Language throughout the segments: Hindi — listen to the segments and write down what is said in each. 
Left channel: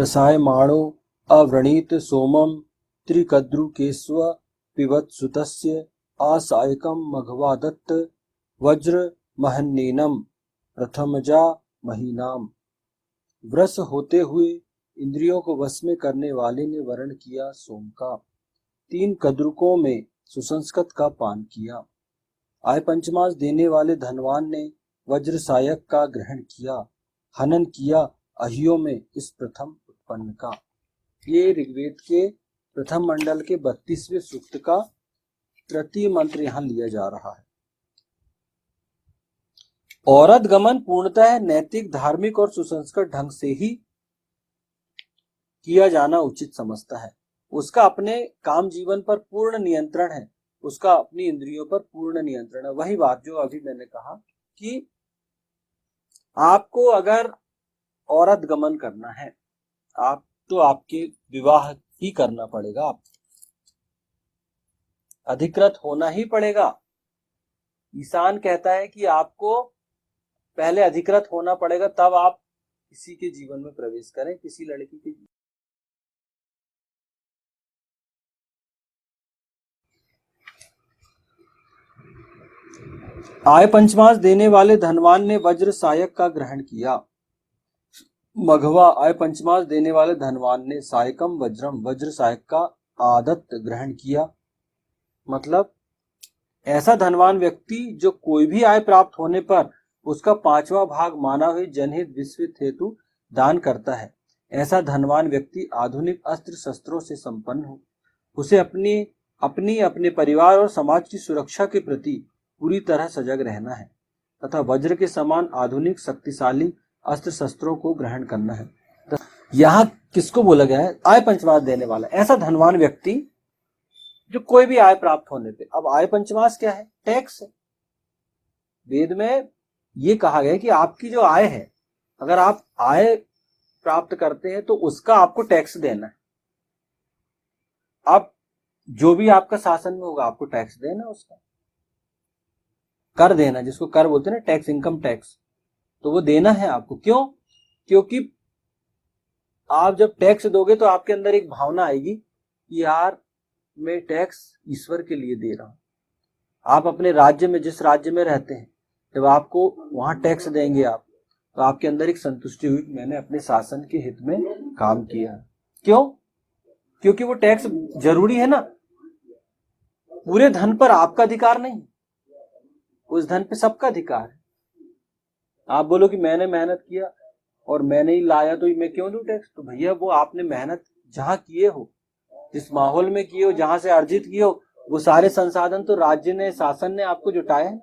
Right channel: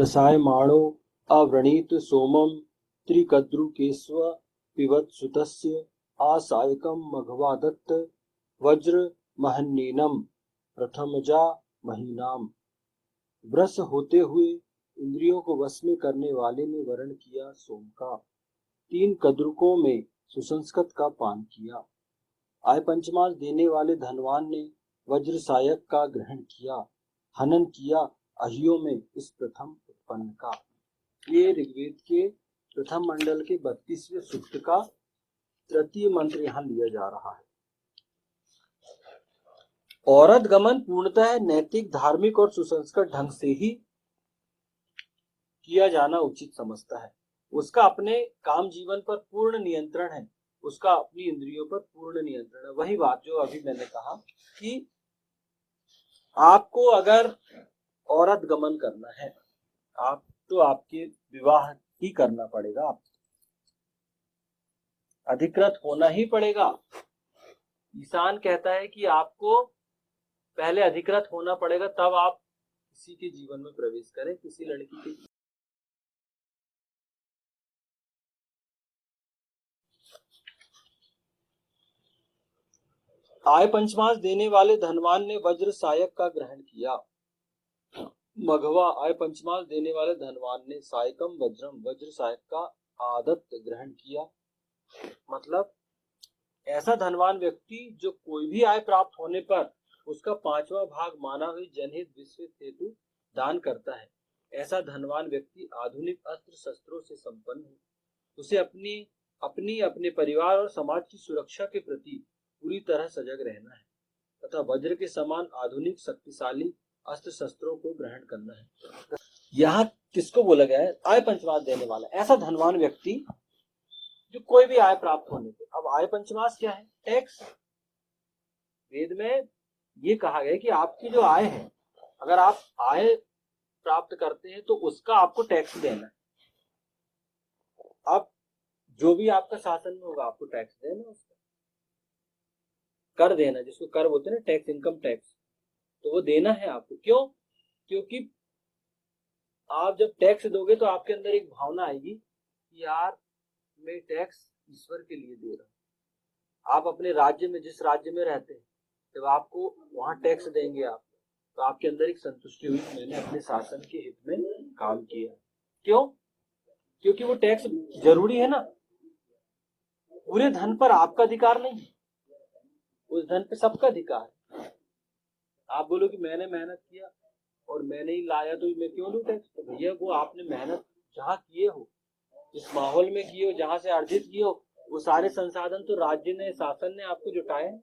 व्रसायमाणो अव्रणीत सोमं त्रिकद्रुकेष्व पिबत्सुतस्य आसायकं मघवादत्त वज्र महन्नेनम प्रथमजा महीनाम। व्रस होते हुए इंद्रियों को वश में करने वाले ने वर्ण किया सोम का, 3 कद्रुकों में सुसंस्कृत का पान किया। आय पंचमास देने वाले धनवान ने वज्र सायक का ग्रहण किया, हनन किया अहियों में इस प्रथम उत्पन्न का। ये ऋग्वेद के प्रथम मंडल के 32वें सूक्त का तृतीय मंत्र यहाँ लिया जा रहा है। औरत गमन पूर्णतः नैतिक, धार्मिक और सुसंस्कृत ढंग से ही किया जाना उचित समझता है। उसका अपने काम जीवन पर पूर्ण नियंत्रण है, उसका अपनी इंद्रियों पर पूर्ण नियंत्रण है। वही बात जो अभी मैंने कहा कि आपको अगर औरत गमन करना है, आप तो आपके विवाह ही करना पड़ेगा, आप अधिकृत होना ही पड़ेगा। ईशान कहता है कि आपको पहले अधिकृत होना पड़ेगा, तब आप किसी के जीवन में प्रवेश करें, किसी लड़की के। आय पंचमास देने वाले धनवान ने वज्र सायक का ग्रहण किया। मघवा आय पंचमास देने वाले धनवान ने सायकम वज्रम वज्र सायक का आदत्त ग्रहण किया। मतलब ऐसा धनवान व्यक्ति जो कोई भी आय प्राप्त होने पर उसका 5वां भाग मानव हित, जनहित, विश्वहित हेतु दान करता है, ऐसा धनवान व्यक्ति आधुनिक अस्त्र शस्त्रों से संपन्न हो। उसे अपने परिवार और समाज की सुरक्षा के प्रति पूरी तरह सजग रहना है तथा वज्र के समान आधुनिक शक्तिशाली अस्त्र शस्त्रों को ग्रहण करना है। यहाँ किसको बोला गया है? आय पंचमास देने वाला ऐसा धनवान व्यक्ति जो कोई भी आय प्राप्त होने पे। अब आय पंचमास क्या है? टैक्स। वेद में ये कहा गया है कि आपकी जो आय है, अगर आप आय प्राप्त करते हैं तो उसका आपको टैक्स देना है। आप जो भी आपका शासन में होगा आपको टैक्स देना, उसका कर देना, जिसको कर बोलते हैं ना, टैक्स, इनकम टैक्स, तो वो देना है आपको। क्यों? क्योंकि आप जब टैक्स दोगे तो आपके अंदर एक भावना आएगी कि यार मैं टैक्स ईश्वर के लिए दे रहा हूं। आप अपने राज्य में, जिस राज्य में रहते हैं, जब आपको वहां टैक्स देंगे आप, तो आपके अंदर एक संतुष्टि हुई, मैंने अपने शासन के हित में काम किया। क्यों? क्योंकि वो टैक्स जरूरी है ना। पूरे धन पर आपका अधिकार नहीं, उस धन पे सबका अधिकार है। आप बोलो कि मैंने मेहनत किया और मैंने ही लाया तो मैं क्यों दूं टैक्स? तो भैया वो आपने मेहनत जहां किए हो, जिस माहौल में किए हो, जहां से अर्जित किए हो, वो सारे संसाधन तो राज्य ने, शासन ने आपको जुटाए हैं।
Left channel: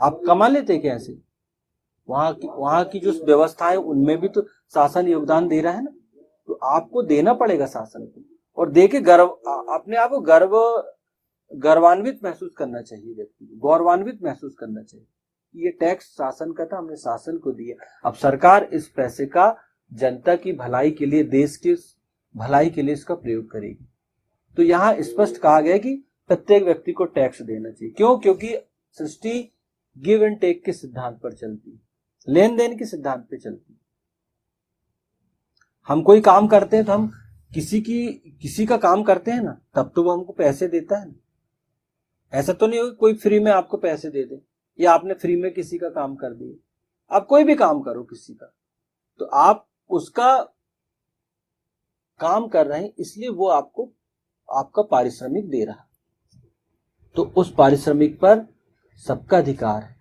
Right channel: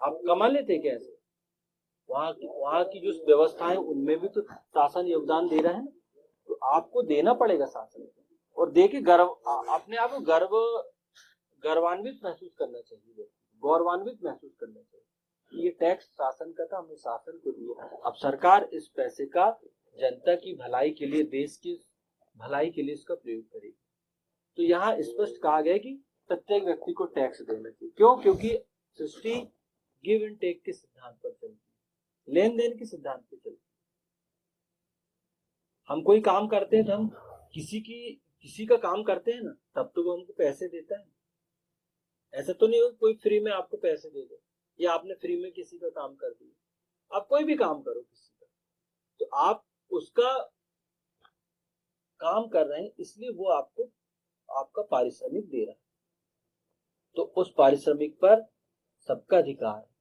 आप कमा लेते कैसे? वहां की जो व्यवस्थाएं उनमें भी तो शासन योगदान दे रहा है ना। तो आपको देना पड़ेगा शासन को, और दे के गर्व, अपने आप को गर्वान्वित महसूस करना चाहिए, व्यक्ति को गौरवान्वित महसूस करना चाहिए। ये टैक्स शासन का था, हमने शासन को दिया। अब सरकार इस पैसे का जनता की भलाई के लिए, देश की भलाई के लिए इसका प्रयोग करेगी। तो यहाँ स्पष्ट कहा गया कि प्रत्येक व्यक्ति को टैक्स देना चाहिए। क्यों? क्योंकि सृष्टि गिव एंड टेक के सिद्धांत पर चलती है, लेन देन के सिद्धांत पर चलती है। हम कोई काम करते हैं तो हम किसी का काम करते हैं ना, तब तो वो हमको पैसे देता है ना। ऐसा तो नहीं हो कोई फ्री में आपको पैसे दे दे, या आपने फ्री में किसी का काम कर दिया। आप कोई भी काम करो किसी का, तो आप उसका काम कर रहे हैं, इसलिए वो आपको आपका पारिश्रमिक दे रहा, तो उस पारिश्रमिक पर सबका अधिकार है।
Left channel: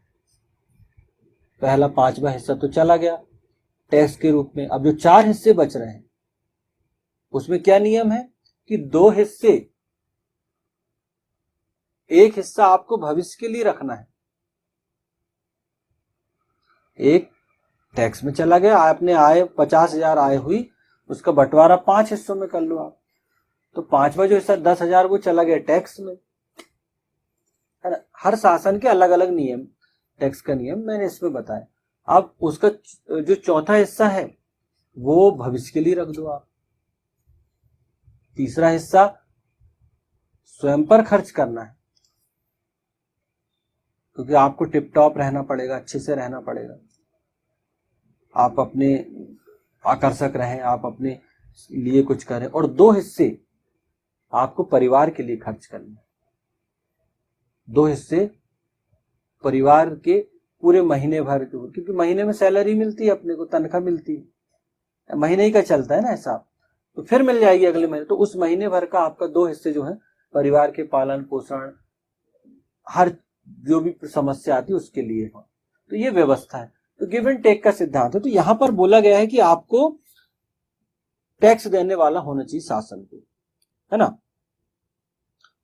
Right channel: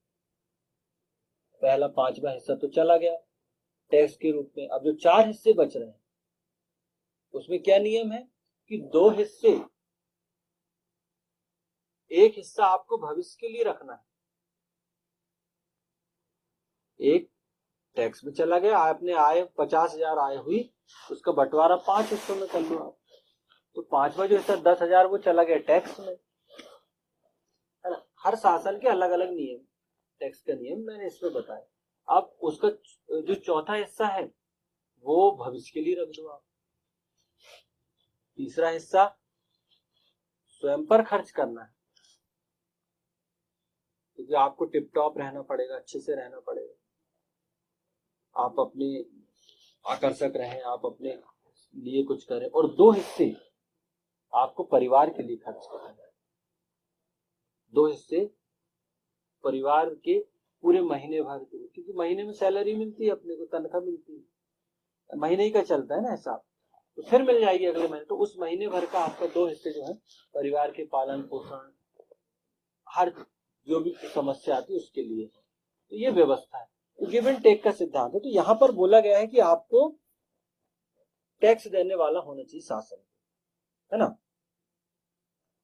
पहला 5वां हिस्सा तो चला गया टैक्स के रूप में। अब जो 4 हिस्से बच रहे हैं, उसमें क्या नियम है कि 2 हिस्से, एक हिस्सा आपको भविष्य के लिए रखना है, एक टैक्स में चला गया। आपने आय 50,000 आय हुई, उसका बंटवारा 5 हिस्सों में कर लो आप, तो 5वां जो हिस्सा 10,000 वो चला गया टैक्स में, है ना। हर शासन के अलग अलग नियम, टैक्स का नियम मैंने इसमें बताया। अब उसका जो चौथा हिस्सा है वो भविष्य के लिए रख दो आप। तीसरा हिस्सा स्वयं पर खर्च करना है, क्योंकि आपको टिप टॉप रहना पड़ेगा, अच्छे से रहना पड़ेगा। आप अपने आकर्षक रहें, आप अपने लिए कुछ करें, और 2 हिस्से आपको परिवार के लिए खर्च करना। 2 हिस्से परिवार के पूरे महीने भर के, क्योंकि महीने में सैलरी मिलती है, अपने को तनख्वाह मिलती है, महीने ही का चलता है ना हिसाब, तो फिर मिल जाएगी अगले महीने। तो उस महीने भर का आपका 2 हिस्से जो है परिवार के पालन पोषण, हर जो भी समस्या आती है उसके लिए हो। तो ये व्यवस्था है। तो गिव एंड टेक का सिद्धांत है। तो यहां पर बोला गया है कि आपको टैक्स देने वाला होना चाहिए शासन को, है ना।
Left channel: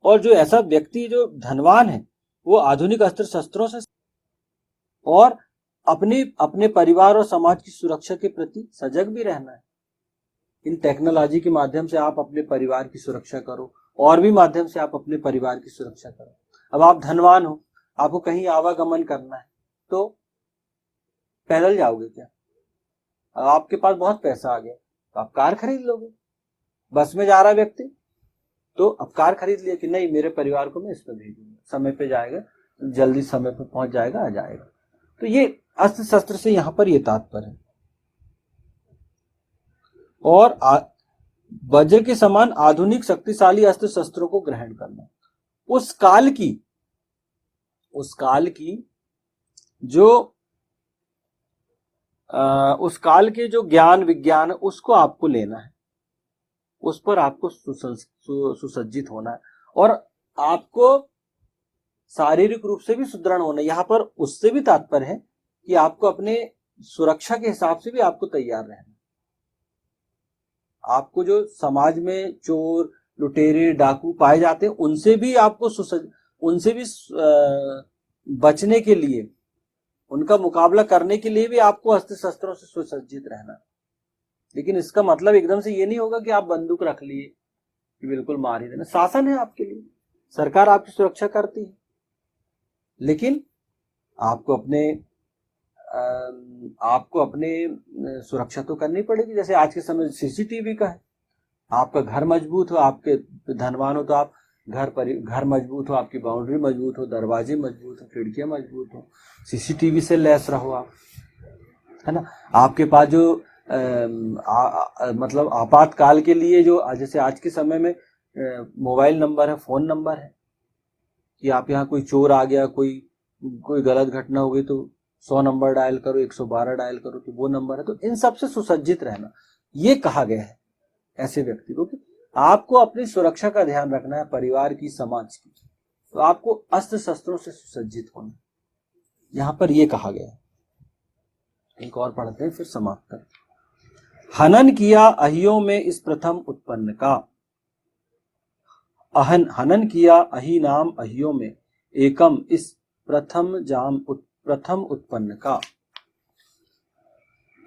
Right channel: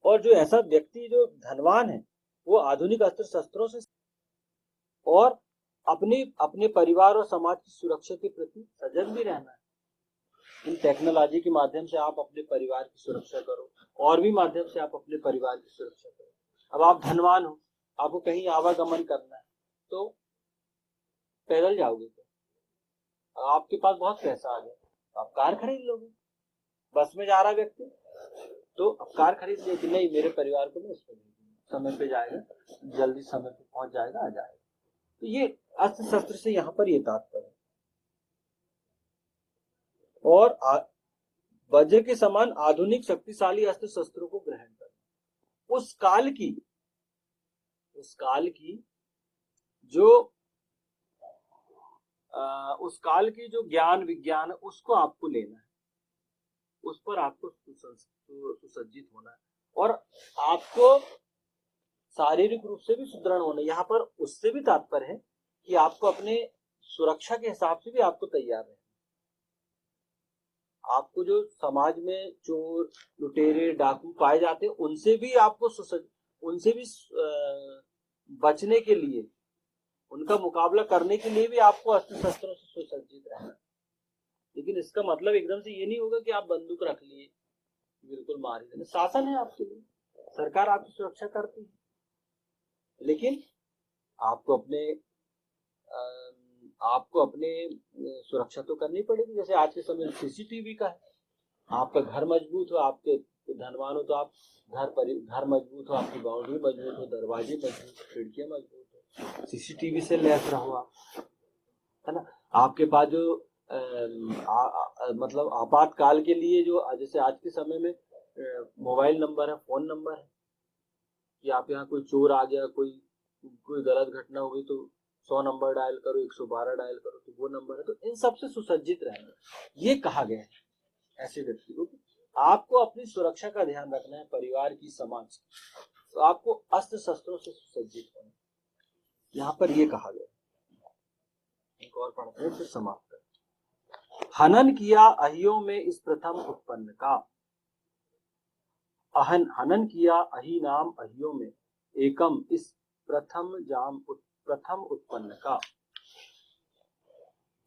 और जो ऐसा व्यक्ति जो धनवान है वो आधुनिक अस्त्र शस्त्रों से और अपने अपने परिवार और समाज की सुरक्षा के प्रति सजग भी रहना है। इन टेक्नोलॉजी के माध्यम से आप अपने परिवार की सुरक्षा करो, और भी माध्यम से आप अपने परिवार की सुरक्षा करो। अब आप धनवान हो, आपको कहीं आवागमन करना है, तो पैदल जाओगे क्या? आपके पास बहुत पैसा आ गया तो आप कार खरीद लोगे। बस में जा रहा व्यक्ति तो अब कार खरीद लिया कि नहीं, मेरे परिवार को मैं इसमें भेजूंगा, समय पे जाएगा, जल्दी समय पे पहुंच जाएगा, आ जाएगा। तो ये अस्त्र शस्त्र से यहाँ पर ये तात्पर्य है। और वज्र के समान आधुनिक शक्तिशाली अस्त्र शस्त्रों को ग्रहण करना। उस काल की जो उस काल के जो ज्ञान विज्ञान उसको आपको लेना है, उस पर आपको सुसज्जित होना है, और आपको शारीरिक रूप से भी सुदृढ़ होना है। यहाँ पर उससे भी तात्पर्य है कि आपको अपने सुरक्षा के हिसाब से भी आपको तैयार रहना। आपको जो समाज में चोर लुटेरे डाकू पाए जाते हैं उनसे भी आपको उनसे भी बचने के लिए, उनका मुकाबला करने के लिए भी आपको अस्त्र शस्त्रों से सुसज्जित रहना। लेकिन इसका मतलब एकदम से ये नहीं होगा कि आप बंदूक रख लिए कि बिल्कुल मार ही देना। शासन है आपके लिए, सरकार आपकी सुरक्षा करती है, लेकिन आपको अपने सुरक्षा तो करनी पड़ेगी। जैसे आज के समय सीसीटीवी का है, आपका घर मजबूत हो, आपके धनवान हो तो आप घर मजबूत हो, आपकी बाउंड्री मजबूत हो, दरवाजे मजबूत हो, खिड़कियां मजबूत हो, सीसीटीवी से लैस रहो आप, है ना। आपके पास जो मतलब आपातकाल के लिए जो जैसे आज के समय में मोबाइल नंबर है, फोन नंबर है, कि आप यहाँ कोई चोर आ गया, कोई गलत घटना हो गई तो 100 नंबर डायल करो, 112 डायल करो, तो वो नंबर है। तो इन सब से सुसज्जित रहना ये कहा गया है ऐसे व्यक्ति को कि आपको अपनी सुरक्षा का ध्यान रखना है, परिवार की, समाज की, तो आपको अस्त्र शस्त्रों से सुसज्जित होना, यहाँ पर ये कहा गया है। एक और पढ़ते हैं फिर समाप्त करते। हनन किया अहियों में इस प्रथम उत्पन्न का। हनन किया अहि नाम अहियों में एकम इस प्रथम उत्पन्न का।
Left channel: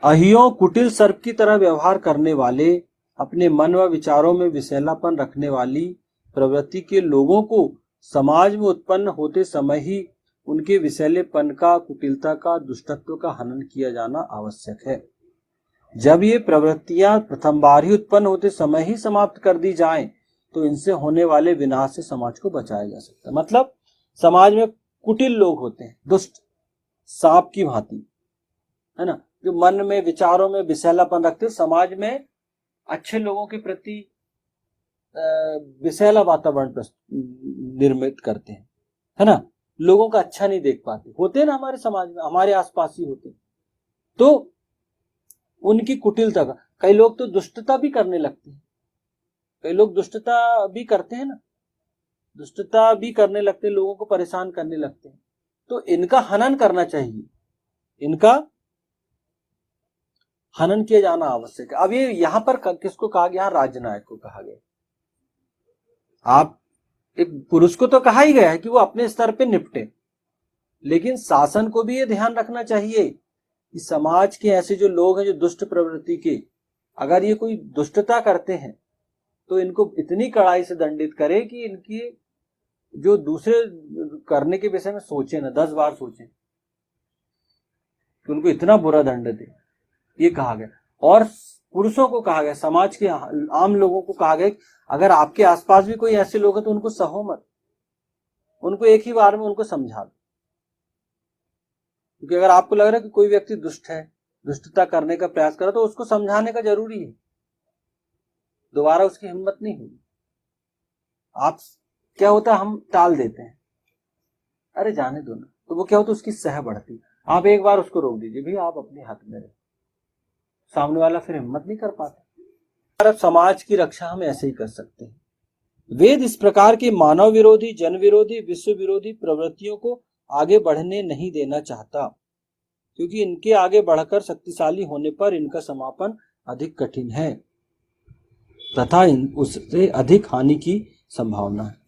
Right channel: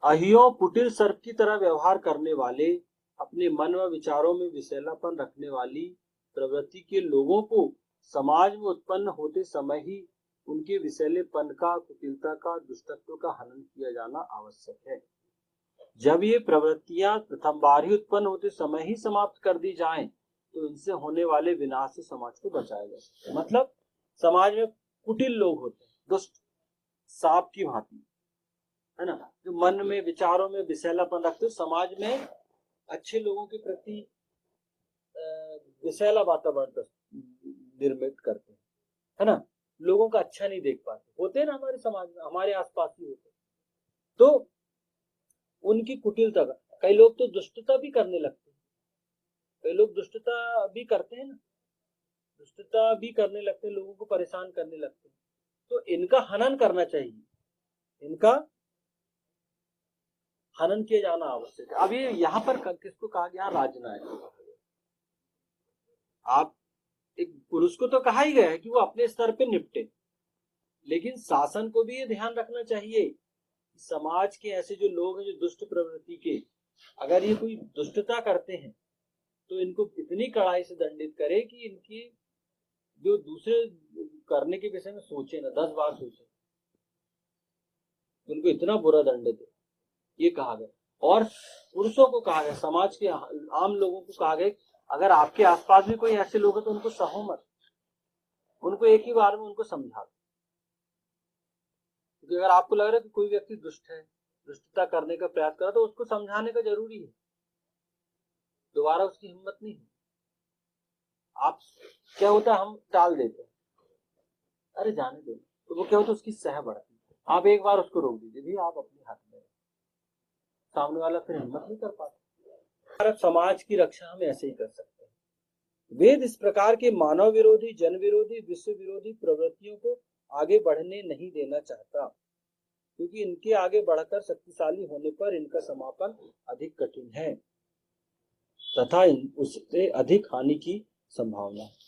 अहियों कुटिल सर्प की तरह व्यवहार करने वाले, अपने मन व विचारों में विषैलापन रखने वाली प्रवृत्ति के लोगों को समाज में उत्पन्न होते समय ही उनके विषैलेपन का, कुटिलता का, दुष्टत्व का हनन किया जाना आवश्यक है। जब ये प्रवृत्तियां प्रथम बार ही उत्पन्न होते समय ही समाप्त कर दी जाएं, तो इनसे होने वाले विनाश से समाज को बचाया जा सकता है। मतलब समाज में कुटिल लोग होते हैं, दुष्ट सांप की भांति, है ना, जो मन में विचारों में विषैलापन रखते हैं, समाज में अच्छे लोगों के प्रति विषैला वातावरण निर्मित करते हैं, है ना, लोगों का अच्छा नहीं देख पाते, होते हैं ना हमारे समाज में, हमारे आसपास ही होते हैं। तो उनकी कुटिलता का, कई लोग तो दुष्टता भी करने लगते हैं, कई लोग दुष्टता भी करते हैं ना, दुष्टता भी करने लगते हैं, लोगों को परेशान करने लगते हैं। तो इनका हनन करना चाहिए, इनका हनन किया जाना आवश्यक है। अब ये यहां पर किसको कहा गया? राजनायक को कहा गया। आप एक पुरुष को तो कहा ही गया है कि वो अपने स्तर पे निपटे, लेकिन शासन को भी ये ध्यान रखना चाहिए कि समाज के ऐसे जो लोग हैं जो दुष्ट प्रवृत्ति के, अगर ये कोई दुष्टता करते हैं तो इनको इतनी कड़ाई से दंडित करे कि इनकी जो दूसरे करने के विषय में सोचे ना, 10 बार सोचे, कि उनको इतना बुरा दंड दे, ये कहा गया। और पुरुषों को कहा गया, समाज के आम लोगों को कहा गया, अगर आपके आसपास भी कोई ऐसे लोग हैं तो उनको सहो मत, उनको एक ही बार में उनको समझा दो। क्योंकि अगर आपको लग रहा है कि कोई व्यक्ति दुष्ट है, दुष्टता करने का प्रयास करा तो उसको समझाने का जरूरी है, दोबारा उसकी हिम्मत नहीं हुई। आप क्या होता है, हम टाल देते हैं, अरे जाने दो ना, तो वो क्या होता है, उसकी सह बढ़ती। आप एक बार उसको रोक दीजिए, भैया आप अपने हद में रहे, सामने वाला फिर हिम्मत नहीं कर पाता। अब समाज की रक्षा हम ऐसे ही कर सकते हैं। वेद इस प्रकार के मानव विरोधी, जन विरोधी, विश्व विरोधी प्रवृत्तियों को आगे बढ़ने नहीं देना चाहता, क्योंकि इनके आगे बढ़कर शक्तिशाली होने पर इनका समापन अधिक कठिन है तथा उससे अधिक हानि की संभावना है।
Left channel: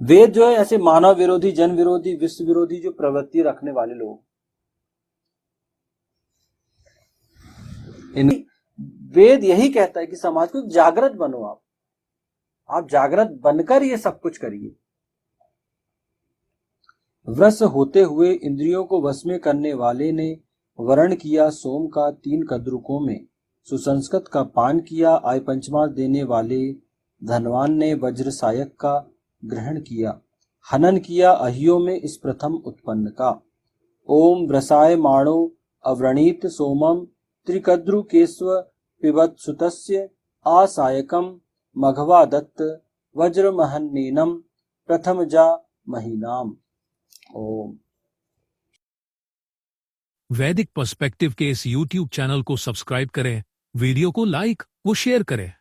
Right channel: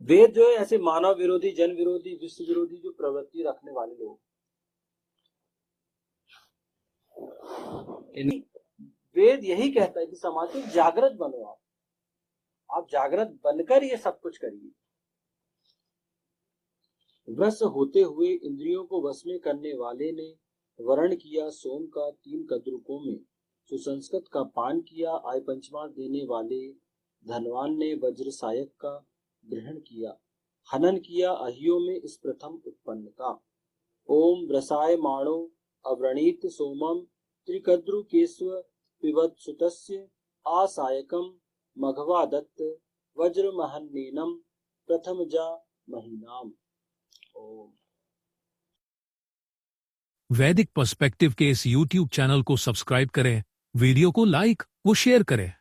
वेद जो है ऐसे मानव विरोधी, जन विरोधी, विश्व विरोधी जो प्रवृत्ति रखने वाले लोग, वेद यही कहता है कि समाज को जागृत बनो, आप जागृत बनकर ये सब कुछ करिए। वश होते हुए इंद्रियों को वश में करने वाले ने वर्ण किया सोम का 3 कद्रुकों में, सुसंस्कृत का पान किया आय पंचमास देने वाले धनवान ने वज्र सायक का ग्रहण किया, हनन किया अहियों में इस प्रथम उत्पन्न का। ओम व्रसाय माणो अव्रणीत सोमम त्रिकद्रुकेस्व पिबत सुतस्य आसायकम मघवा दत्त वज्रमहन्नेनम प्रथम जा महीनाम। ओम। वैदिक पर्सपेक्टिव के इस YouTube चैनल को सब्सक्राइब करें, वीडियो को लाइक व शेयर करें।